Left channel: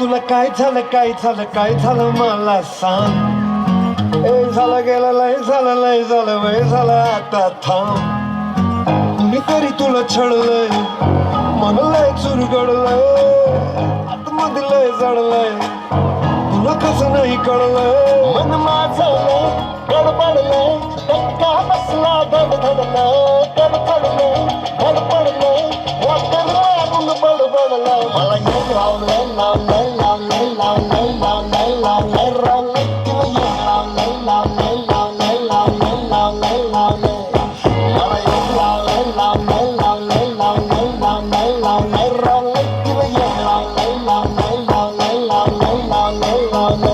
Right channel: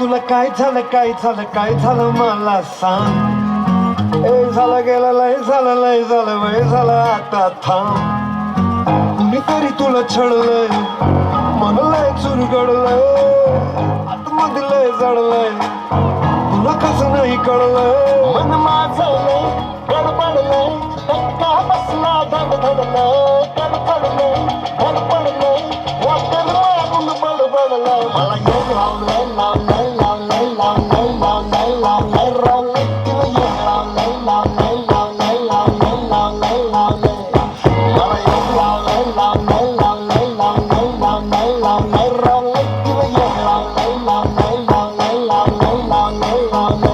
तुला काय झालं काय झालं काय झालं मला सांग. ए झालं गेलं लय झालं वय झालं आता थांब. कुणीतरी तुला छळलंय मन लय चुरगडलंय आतमध्ये लय जडलंय तुला कसं नाही कळलंय. मन माझं लय गडबडलंय धक्का बसला धडधडलंय गडबडलंय धडपडलंय वाटेल मारून बडबडलंय. मला येऊन लावलंय लावलंय लावलंय लावलंय लावलंय लावलंय लावलंय किंवा येऊन लावलंय लावलंय लावलंय लावलंय लावलंय लावलंय. मला येऊन लावलंय लावलंय लावलंय लावलंय लावलंय लावलंय लावलंय किंवा येऊन लावलंय लावलंय लावलंय लावलंय लावलंय लावलंय.